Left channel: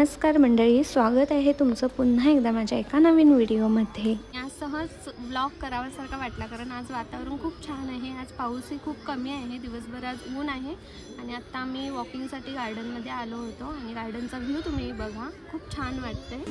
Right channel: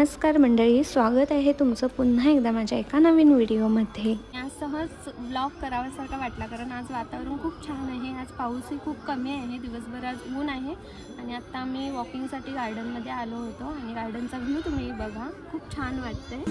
नमस्कार मंडळी, स्वागत आहे तुमचं पुन्हा एकदा माझ्या एका नवीन व्हिडिओमध्ये। आज सहज ब्लॉग करावासारखा वाटला कारण आज वातावरण खूप छान आहे। आज पाऊसही खूप कमी आहे, दिवसभर आज ऊन आहे आणि आता आम्ही वॉकिंगसाठी गार्डनमध्ये आलो होतो आणि गार्डनचा व्ह्यू तुम्ही बघा, खूप छान वाटतंय।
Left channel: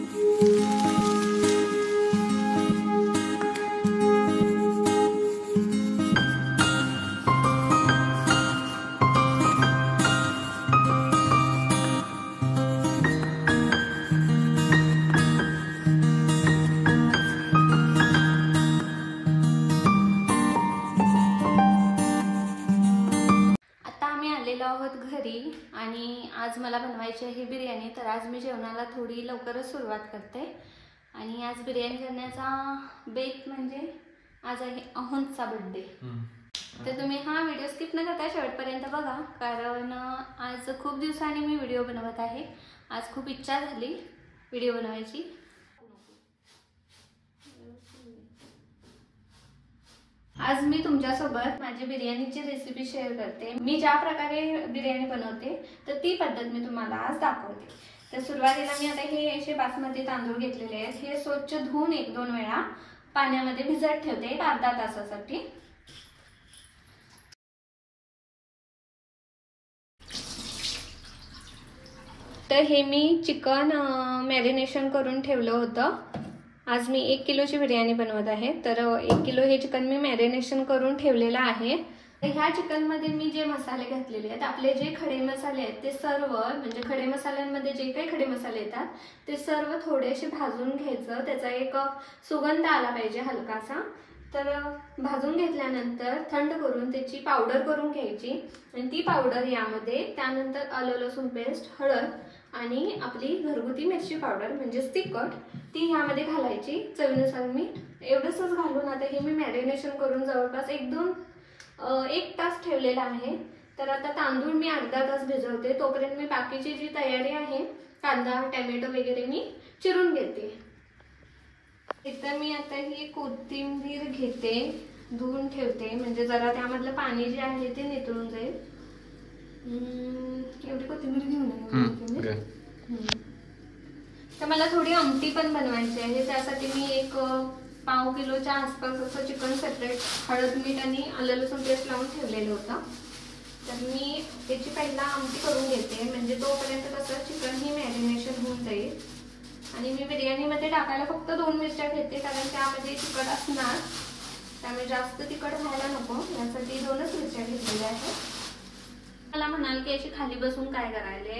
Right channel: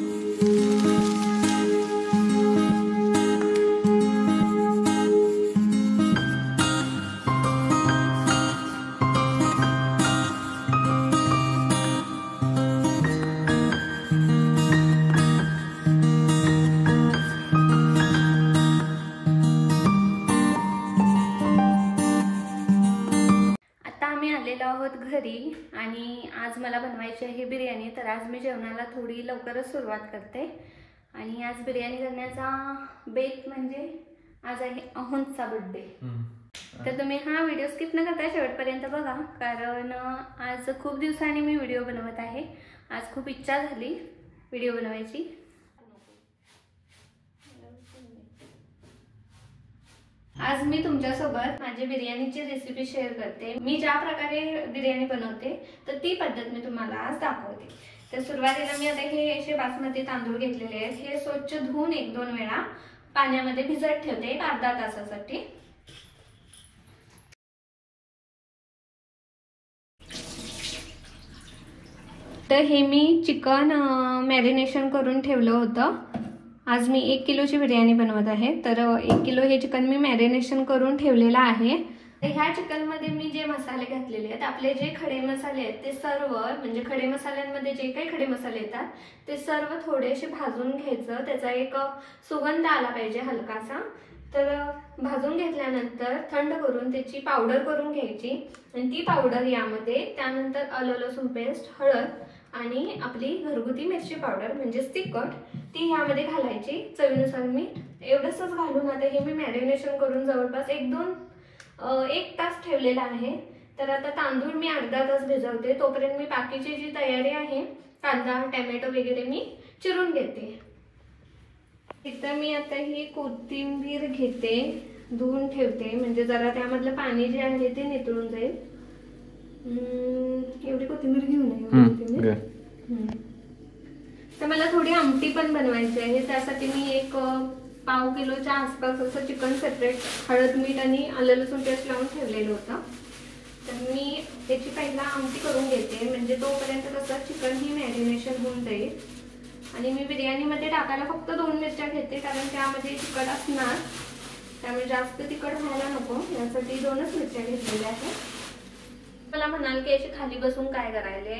आहोत घरी आणि आज मला बनवायची आहे बिर्याणी। तर आज मी जेवणाला थोडी लवकरच सुरुवात करते आणि आज बिर्याणी करण्याचा बेत म्हणजे आज आहे अहुंचा बर्थडे। तर तुम्ही हा व्हिडिओ स्किप न करता शेवटपर्यंत बघा, कारण आज खूप दिवसांनी मी व्हिडिओ बनवत आहे। आज खूप इच्छा झाली व्हिडिओ बनवायची। आज मी तुमच्यासोबत माझी बिर्याणीची रेसिपी शेअर करते। मी ज्या प्रकारे बिर्याणी बनवते तर ती पद्धत मी तुम्हाला आज दाखवते। तर सुरुवातीला मी आता हे असे बासमती तांदूळ घेतलेले आहेत। हे स्वच्छ धुवून 1-2 वेळा पाण्यामध्ये भिजत ठेवते एक अर्धा तासासाठी। तर हे मी चिकन मॅरिनेशन करून ठेवलं होतं। आज मी 1 किलोची बिर्याणी बनवत आहे, तर 1 किलो हे चिकन मी मॅरिनेशन करून ठेवलेलं आहे। ह्या चिकन मध्ये मी जे मसाले घातलेले आहेत, आपले जे खडे मसाले आहेत ते सर्व, म्हणजे खडे मसाल्यांमध्ये जे काही खडे मसाले येतात ते सर्व थोडेसे भाजून घ्यायचं। त्याचा एक सुगंध आला पाहिजे हलकासा। तर भाजून घेतल्यानंतर थंड करून त्याची पावडर करून घ्यायची आणि ती पावडर यामध्ये, त्यानंतर आलं लसूण पेस्ट, हळद आणि आपली घरगुती मिरची पावडर म्हणजे तिखट, ती यामध्ये घालायची, चवीनुसार मीठ, एवढंच घालून आता हे मी मॅरिनेशन करून जवळपास 1 तास ठेवलेला आहे। तर आता तांदूळ मी अर्धा तास भिजवते, तोपर्यंत मी बाकीची जी तयारी आहे, कांदा टोमॅटो वगैरे मी चिरून घेते। एकदा मी आता ही कोथिंबीर घेते, धुवून ठेवते, म्हणजे जरा त्यामधलं पाणी जे आहे ते नितळून जाईल। एवढी कोथिंबीर घेऊन ये। तर मला थोडी आमटी पण बनवायची आहे, त्यासाठी मी एक पाव किलोच्या आसपास असं चिकन सेपरेट हळद मीठ आणि आलं लसूण पेस्ट लावून ठेवलेलं होतं। तर मी त्याची पहिला आमटी करून घेते, म्हणजे तोपर्यंत कसं चिकन ही मॅरिनेशन होऊन जाईल। आणि मी बिर्याणीमध्ये टाकायला फक्त 2 मिरच्या घेते, कारण त्यामध्ये तिखट असणार, त्यामुळे जास्त तिखट व्हायला नको, यासाठी 2च मिरच्या घेतलेल्या आहेत। मला म्हणाल की अशी खाली बसून काय करायले,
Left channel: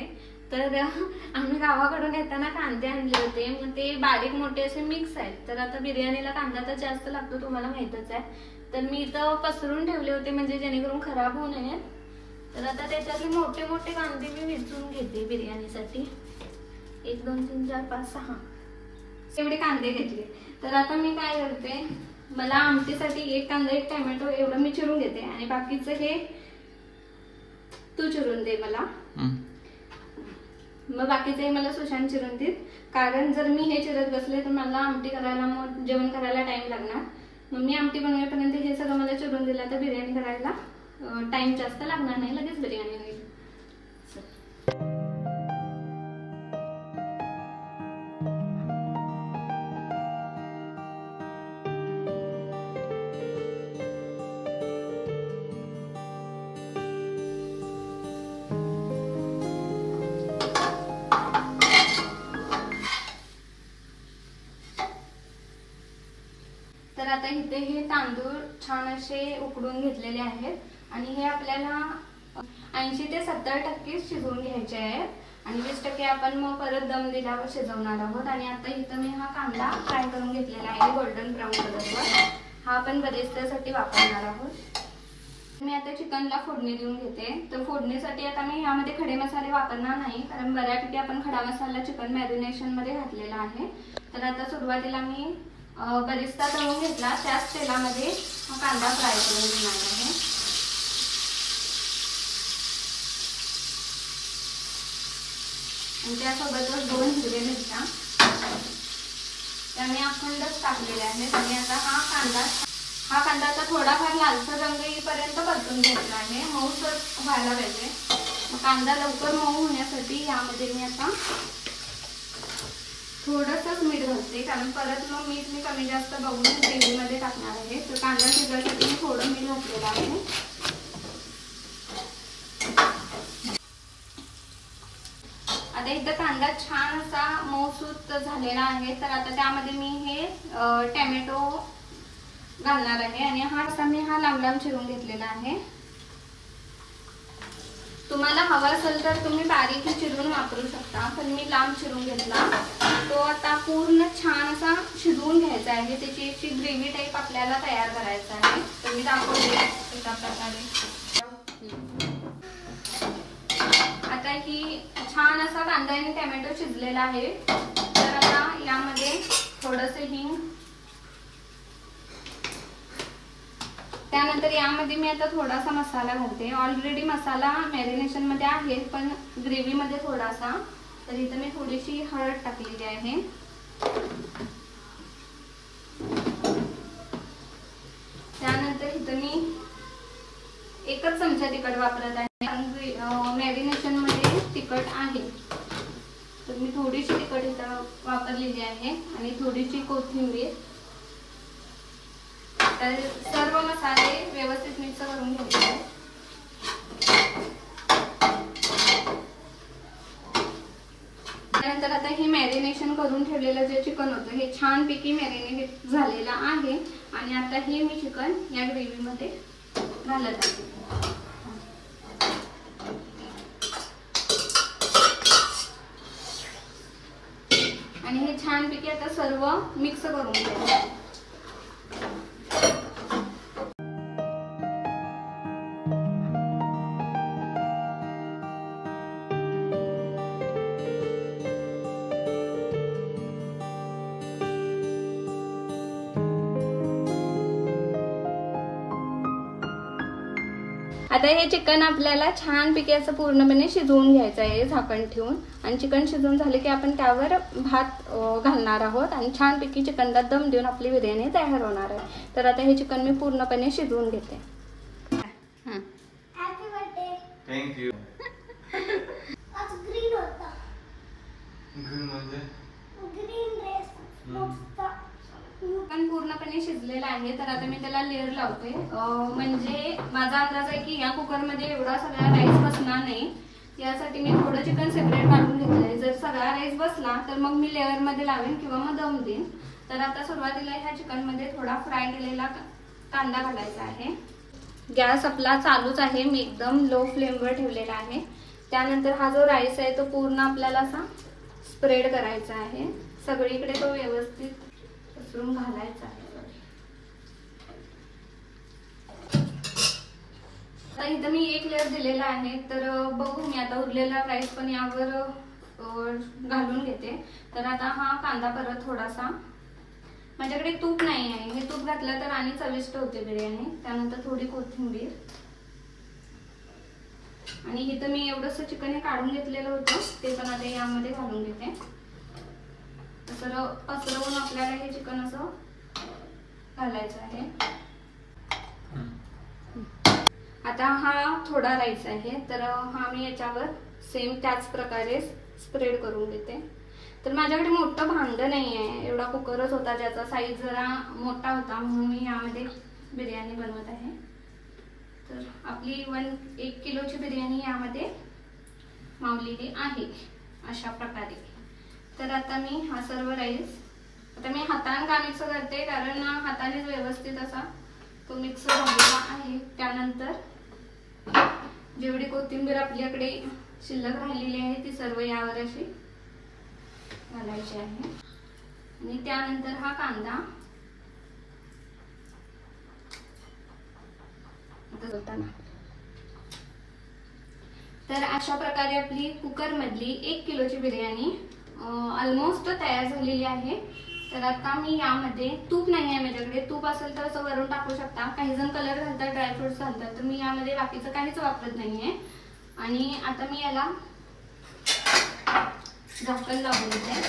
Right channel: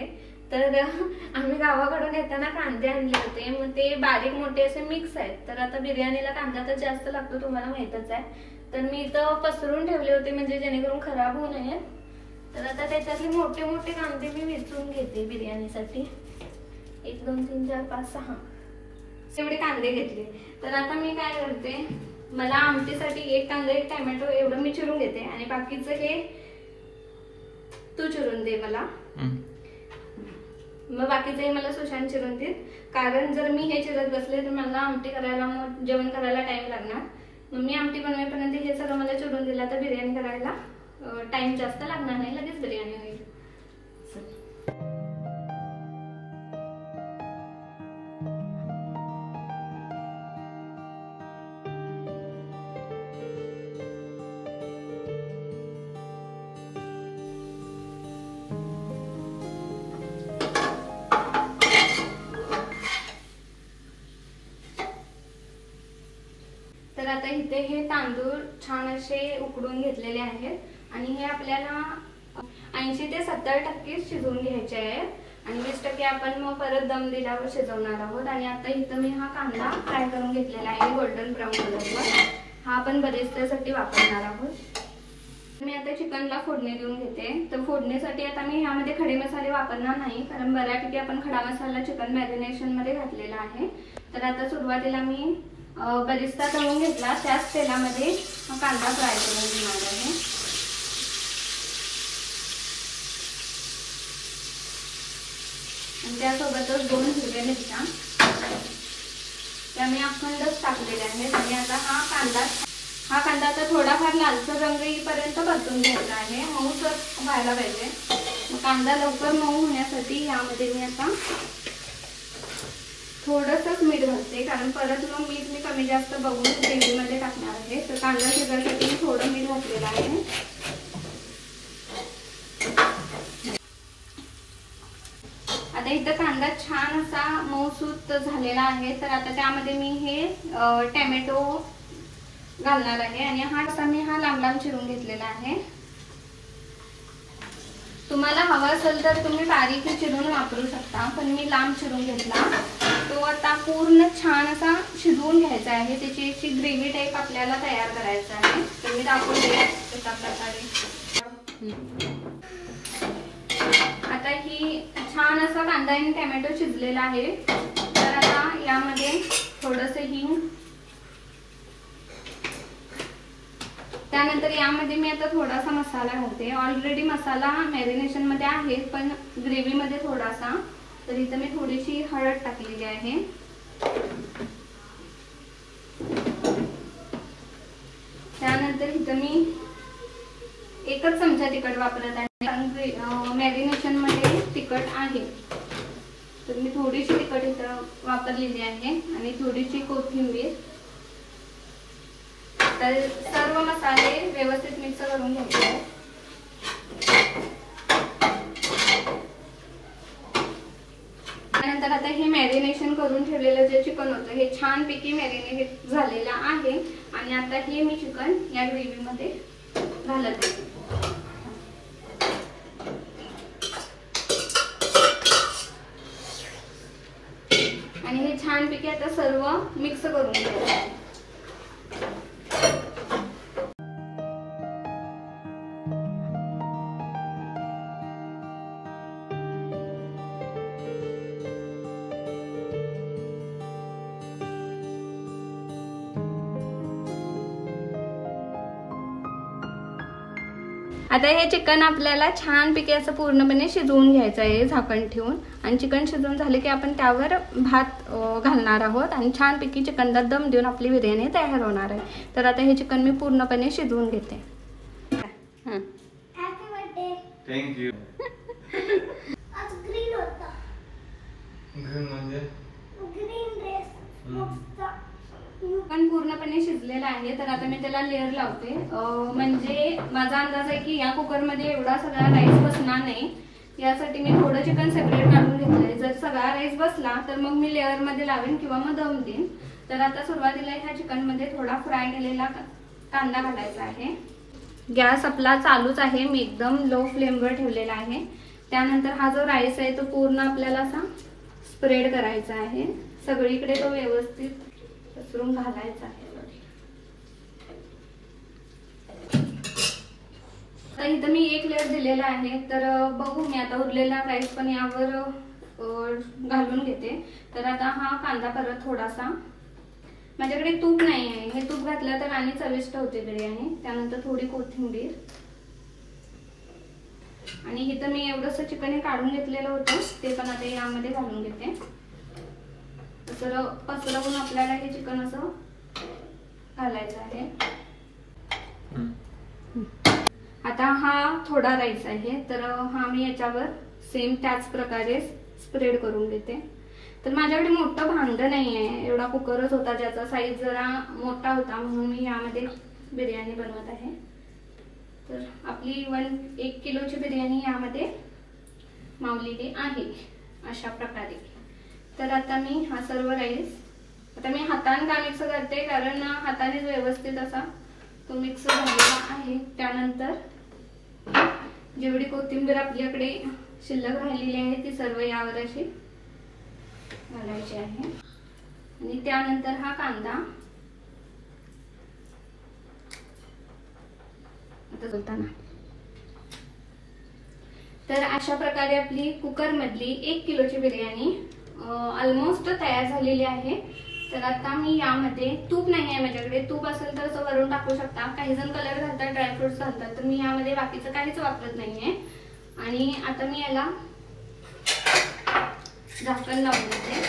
तर आम्ही गावाकडून येताना कांदे आणले होते, मग ते बारीक मोठे असे मिक्स आहेत। तर आता बिर्याणीला कांदा तर जास्त लागतो, तुम्हाला माहितच आहे। तर मी इथं पसरून ठेवले होते, म्हणजे जेणेकरून खराब होऊ नये। तर आता त्याच्यात मोठे मोठे कांदे मी वेचून घेते बिर्याणीसाठी। 1 2 3 4 5 6 एवढे कांदे घेतले। तर आता मी काय करते, मला आमटीसाठी 1 कांदा 1 टोमॅटो एवढं मी चिरून घेते आणि बाकीचं हे तू चिरून दे मला, मग बाकीचे मला सुशांत चिरून दे, कारण जर मी हे चिरत बसले तर मला आमटी करायला, मग जेवण करायला टाइम लागणार। मग मी आमटी बनवेपर्यंत हे सगळं मला चिरून दिला तर बिर्याणी करायला टाइम जास्त लागणार नाही, लगेच बिर्याणी होईल। तर आता इथे हे तांदूळ छान असे उकडून घेतलेले आहेत आणि हे आपल्याला 80 ते 70% शिजवून घ्यायचे आहेत आणि 20% आपण मग परत दम दिल्यावर शिजवणार आहोत। आणि आता इथं मी हा कांदा फ्राय करून घेतलेला आहे गोल्डन ब्राऊन कलरवर, हा आपण बरेचसाठी वापरणार आहोत। मी आता चिकनला फोडणी देऊन घेते। तर फोडणीसाठी आता मी ह्यामध्ये खडे मसाले वापरणार नाही, कारण बऱ्यापैकी आपण खडा मसाला चिकन मॅरिनेशन मध्ये घातलेला आहे। तर आता सुरुवातीला मी बरिस्ता तळून घेतला, त्याच तेलामध्ये कांदा फ्राय करून घेणार आहे। आणि त्यासोबतच 2 हिरव्या मिरच्या त्या मी अखंडच टाकलेल्या आहेत। आणि आता हा कांदा आता थोडाफार लालसर रंग येईपर्यंत परतून घ्यायचा आहे, मऊसर व्हायला पाहिजे। मग कांदा लवकर मऊ होण्यासाठी यामध्ये मी आता थोडंसंच मीठ घालते, कारण परत मग मीठ मी कमी जास्त बघून ग्रेव्हीमध्ये टाकणार आहे. तर कांदा शिजण्यासाठी मी थोडं मीठ घातलेलं आहे. आता इथं कांदा छान असा मऊसूत झालेला आहे. तर आता त्यामध्ये मी हे टोमॅटो घालणार आहे आणि हा लांब लांब चिरून घेतलेला आहे. तुम्हाला हवा असेल तर तुम्ही बारीक चिरून वापरू शकता, पण मी लांब चिरून घेतला. तो आता पूर्ण छान असा शिजवून घ्यायचा आहे. त्याची अशी ग्रेव्ही टाईप आपल्याला तयार करायचा आहे. तर मी दाखवते एका प्रकारे. आता ही छान असा कांदा आणि टोमॅटो शिजलेला आहे. तर आता यामध्ये थोडंसं हिंग, त्यानंतर यामध्ये मी आता थोडासा मसाला घालते. ऑलरेडी मसाला मॅरिनेशन मध्ये आहे, पण ग्रेव्ही मध्ये थोडासा. तर इथं मी थोडीशी हळद टाकलेली आहे. त्यानंतर इथं मी एकच चमचा तिखट वापरत आहे. मॅरिनेशन मध्ये तिखट आहे, तर मी थोडीशी तिखट इथं वापरलेली आहे आणि थोडीशी कोथिंबीर. तर सर्व मसाले व्यवस्थित मिक्स करून घ्यायचे आहेत. त्यानंतर आता हे मॅरिनेशन करून ठेवलेलं जे चिकन होतं हे छानपैकी मॅरिनेट झालेलं आहे आणि आता हे मी चिकन या ग्रेव्ही मध्ये घालत आहे. आणि हे छानपैकी आता सर्व मिक्स करून घ्यायचं आहे. आता हे चिकन आपल्याला छानपैकी असं पूर्णपणे शिजवून घ्यायचं आहे झाकण ठेवून. आणि चिकन शिजवून झाले की आपण त्यावर भात घालणार आहोत आणि छानपैकी चिकनला दम देऊन आपली बिर्याणी तयार होणार आहे. तर आता हे चिकन मी पूर्णपणे शिजवून घेते. थँक्यू. आज ग्रीन होता. ग्रीन म्हणजे ग्रीन ड्रेस मोठा. चिकन पूर्णपणे शिजलेलं आहे. तर आता मी त्याला लेअर लावते. म्हणजे माझा अंदाज आहे की या कुकर मध्ये एवढा सगळा राईस बसणार नाही. यासाठी मी थोडं चिकन सेपरेट काढून घेतलंय. जर सगळा राईस बसला तर मग मी लेअर मध्ये लावेन किंवा मग दम देईन. तर आता सुरुवातीला ह्या चिकन मध्ये थोडा फ्राय केलेला कांदा घालायचा आहे. गॅस आपला चालूच आहे. मी एकदम लो फ्लेमवर ठेवलेला आहे. त्यानंतर हा जो राईस आहे तो पूर्ण आपल्याला असा स्प्रेड करायचा आहे. सगळीकडे तो व्यवस्थित पसरून घालायचा आहे. इथं मी एक लेअर दिलेला आहे. तर बघू मी आता उरलेला राईस पण यावर घालून घेते. तर आता हा कांदा परत थोडासा, माझ्याकडे तूप नाही आहे, हे तूप घातलं तर आणि चविष्ट होते बिर्याणी. त्यानंतर थोडी कोथिंबीर आणि इथं मी एवढंसं चिकन हे काढून घेतलेलं होतं ते पण आता यामध्ये घालून घेते. पसरवून आपल्याला हे चिकन असं घालायचं आहे. आता हा थोडा राईस आहे. तर हा मी याच्यावर सेम त्याच प्रकारे स्प्रेड करून घेते. तर माझ्याकडे मोठं भांड नाही आहे, एवढा कुकरच होता ज्याचा साईज जरा मोठा होता, म्हणून मी यामध्ये बिर्याणी बनवत आहे. तर आपली 1 किलोची बिर्याणी यामध्ये मावलेली आहे अशा प्रकारे. तर आता मी हा सर्व राईस आता मी हाताने का मिक्स करते, कारण हाताने व्यवस्थित असा तो मिक्स झालेला आहे. त्यानंतर जेवढी कोथिंबीर आपल्याकडे शिल्लक राहिलेली आहे ती सर्व यावर अशी घालायची आहे. आणि त्यानंतर हा कांदा तर अशा प्रकारे आपली कुकर मधली 1 किलोची बिर्याणी ऑलमोस्ट तयार झालेली आहे. तर आता मी यामध्ये तूप नाही आहे माझ्याकडे, तूप असेल तर असं वरून टाकू शकता. काही जण कलर घालतात, ड्रायफ्रुट्स घालतात, तर मी यामध्ये बाकीचं काहीच वापरत नाहीये. आणि आता मी याला झाकण लावून देते.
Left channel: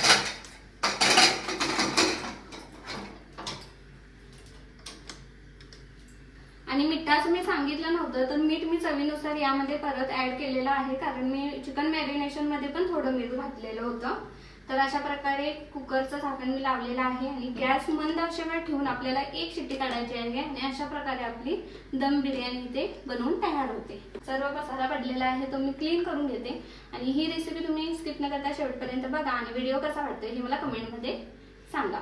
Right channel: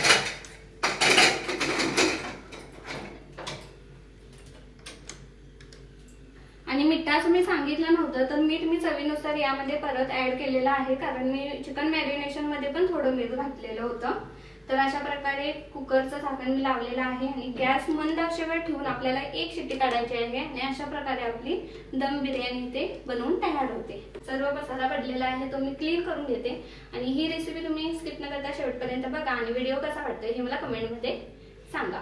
आणि मिठाचं मी सांगितलं नव्हतं, तर मीठ मी चवीनुसार यामध्ये परत ऍड केलेलं आहे, कारण मी चिकन मॅरिनेशन मध्ये पण थोडं मीठ घातलेलं होतं. तर अशा प्रकारे कुकरचं झाकण मी लावलेलं आहे आणि गॅस मंद आचेवर ठेवून आपल्याला एक शिट्टी काढायची आहे आणि अशा प्रकारे आपली दम बिर्याणी ते बनवून तयार होते. सर्व मसाला पडलेला आहे तो मी क्लीन करून घेते आणि ही रेसिपी तुम्ही स्किप न करता शेवटपर्यंत बघा आणि व्हिडिओ कसा वाटतोय हे मला कमेंटमध्ये सांगा.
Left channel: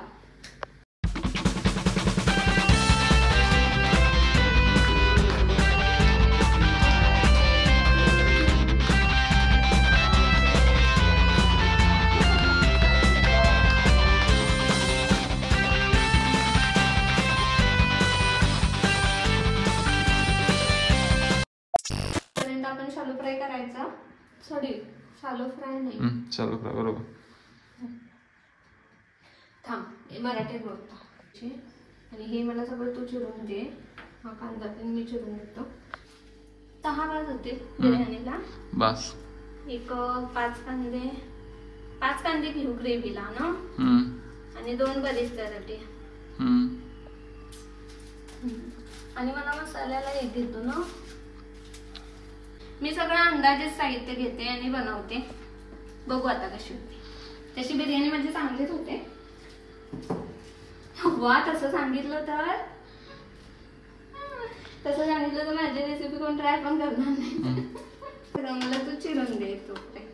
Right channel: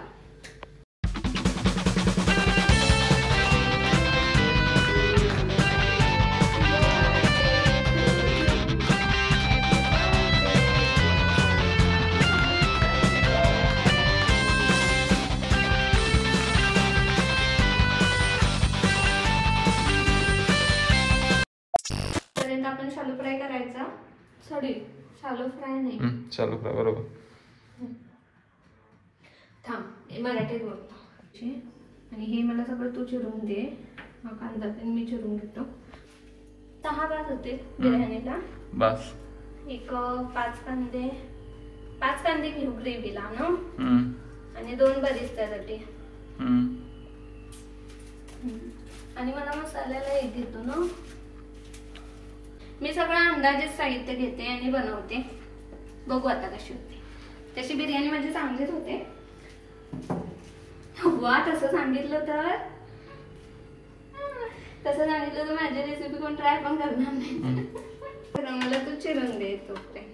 आपण शालो फ्राय करायचा. सॉरी, शालो फ्राय नाही, शालो फ्राय बरोबर. थांब, मराठीत बोलतो. आणि हे मला सगळं तू चिरून दे. हा कांदा पण मी चिरून घेतो. 6 बास होते बिर्याणीला. बस एक 5 कांदे घेऊ ग्रेव्हीला ना. आणि 2 बरिस्त्यासाठी. आणि मला मसाल्याला एक घेतो ना. मी सगळं अंदाजेच साहित्य घेते आणि बनवते. बघू आता कशी होते. तशी बिर्याणी म्हणजे चांगलीच होते. वा, तसं सांगितलं तर माझी रेसिपी कोण ट्राय पण करणार नाही. तर मला तू चिरून दे तोपर्यंत.